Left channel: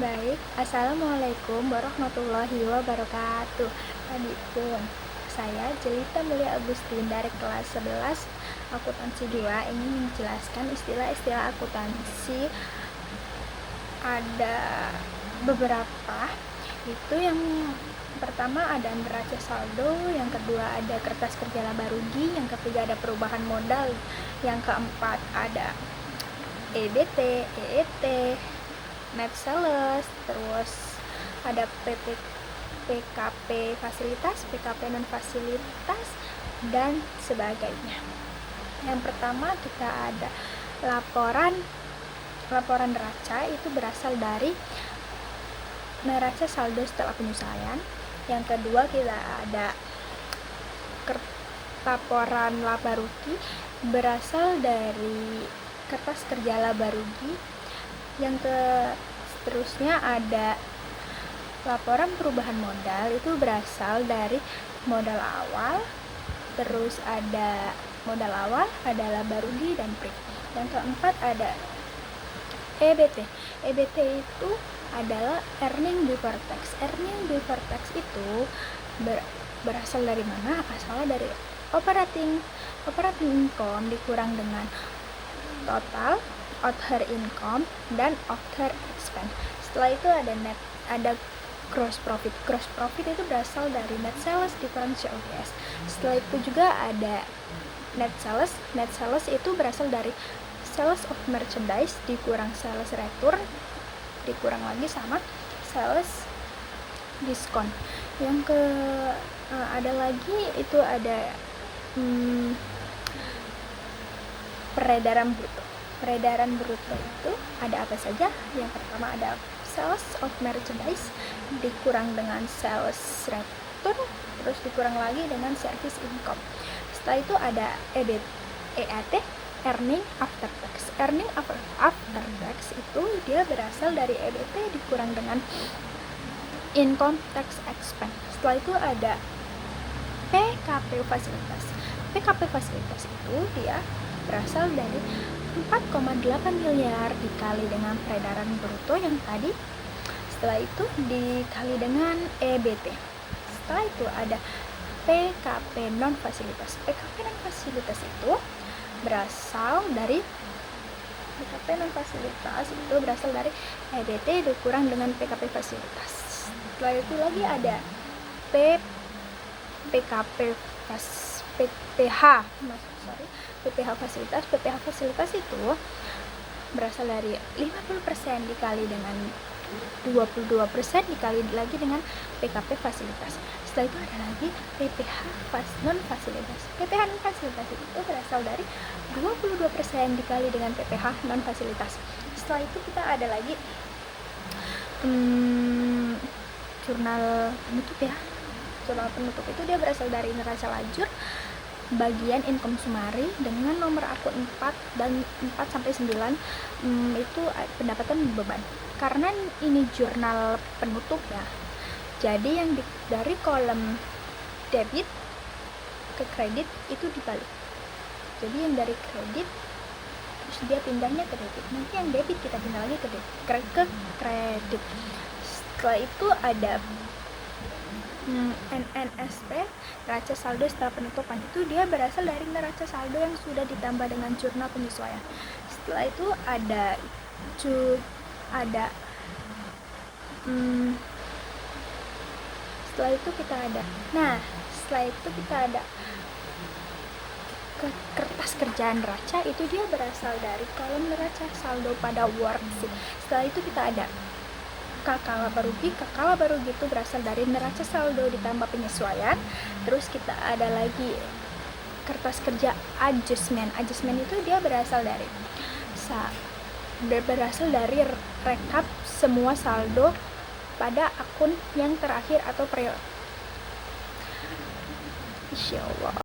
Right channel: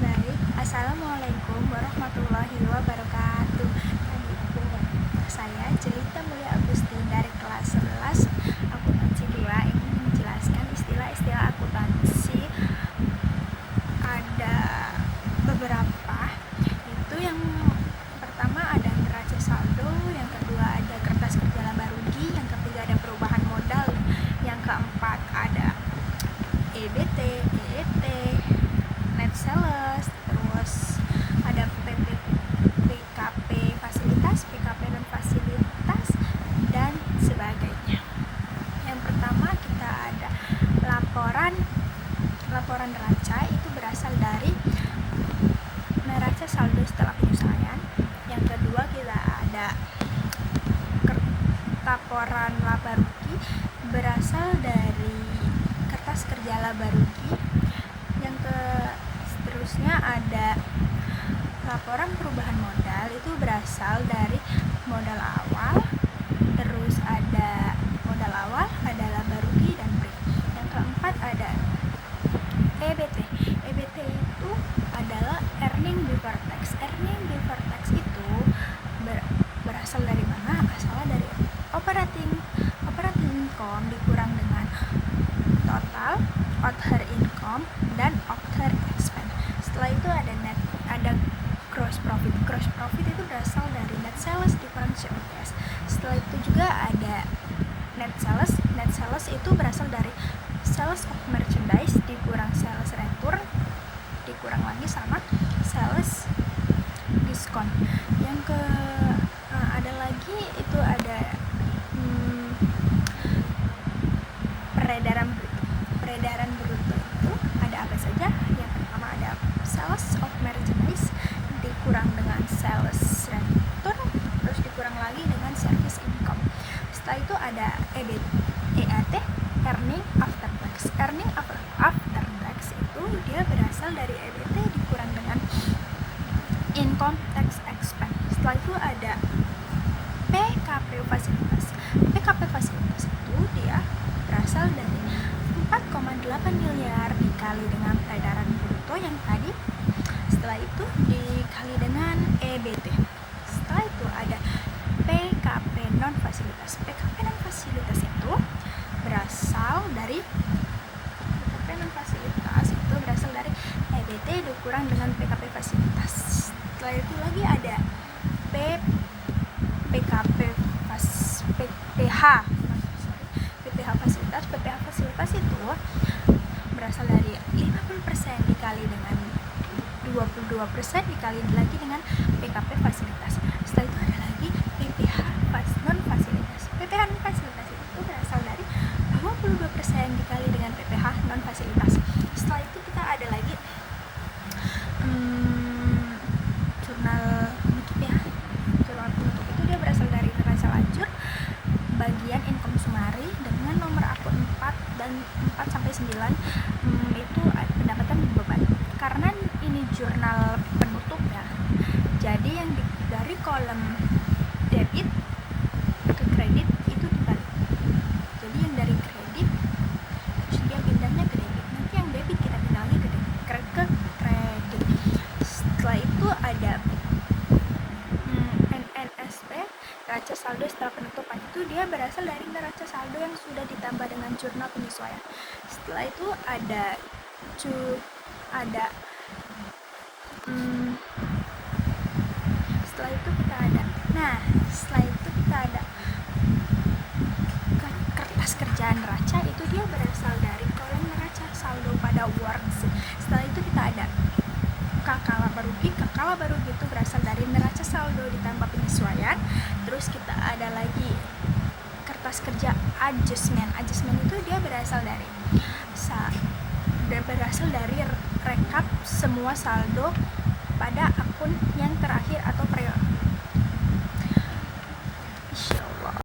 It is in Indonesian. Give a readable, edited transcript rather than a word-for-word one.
Baik, Assalamualaikum warahmatullahi wabarakatuh. Tadi pun saya Jelita Mulia Agustin dari kelas 11 akuntansi 2 ingin menjelaskan istilah-istilah akuntansi. Ada beberapa, itu yang pertama ada neraca saldo, yang kedua ada kertas kerja laba rugi, yang ketiga ada perubahan modal, yang keempat ada EBT, EET, net sales, terus ada PKP fasilitas, PKP non fasilitas, dan sebagainya. Yang pertama kita ada laporan neraca, itu berasal dari neraca saldo setelah penyesuaian. Yang kedua kita ada laporan laba rugi, berasal dari kertas kerja laba rugi. Yang seterusnya ada laporan perubahan modal, itu berasal dari modal awal, terus ada modal awal, ada laba rugi dan break. Yang keempat ada EBT. EBT itu adalah earning before tax. Earning before tax itu berasal dari mana? Asalnya dari operating income dikurang dengan total, other income, dan other expense. Setelah itu ada gross profit. Gross profit itu berasal dari net sales dikurang COGS. Setelah itu juga ada net sales. Net sales itu berasal dari sales of merchandise dikurang sales return dikurang lagi sama sales diskon. Yang ada lagi itu ada peredaran bruto. Peredaran bruto itu ada apa saja? Yang pertama ada sales of merchandise dikurang dengan sales return, terus dikurang lagi dengan service income. Setelah itu ada EAT, earning after tax. Earning after tax itu dia berasal dari EBT dikurang dengan income tax expense. Setelah itu ada PKP fasilitas. PKP fasilitas itu dia berasal dari 4,8 miliar dikali dengan peredaran bruto yang tadi. Setelah itu dikali dengan EBT. Setelah itu ada PKP non fasilitas. PKP non fasilitas itu berasal dari EBT dikurang dengan PKP fasilitas. Setelah itu lagi ada PPH fasilitas. PPH fasilitas itu berasal dari 50% dikali dengan 22% dikali lagi dengan PKP fasilitas. Setelah itu ada lagi PPH non fasilitas. PPH non fasilitas itu berasal dari 22% dikali dengan PPH non fasilitas. Setelah itu kita ada lagi jurnal penutup ya. Jurnal penutup itu dia berasal dari neraca lajur bagian income summary dengan nomor akun 4 dan 4 sampai 9. Itu pendapatan beban. Karena ini jurnal penutup ya. Jadi yang dari kolom debit ke kredit itu dibalik. Jadi yang dari kredit terus dia pindahnya ke debit. Nanti yang debit kita pindah lagi ke kredit. Setelah itu ada NNSP, neraca saldo setelah penutupan. Itu dia berasal dari neraca saldo yang sudah ditambah dengan jurnal penyesuaian. Setelah itu setelah itu kita ada kertas kerjaan neraca, itu dia berasal dari kolom neraca saldo pada worksheet. Setelah itu kita ada KK laba rugi. KK laba rugi itu berasal dari neraca saldo ditambah penyesuaian. Terus kita ada lagi kertas kerja adjustment. Adjustment itu dia berasal dari rekap semua saldo pada akun yang terakhir atau insyaallah.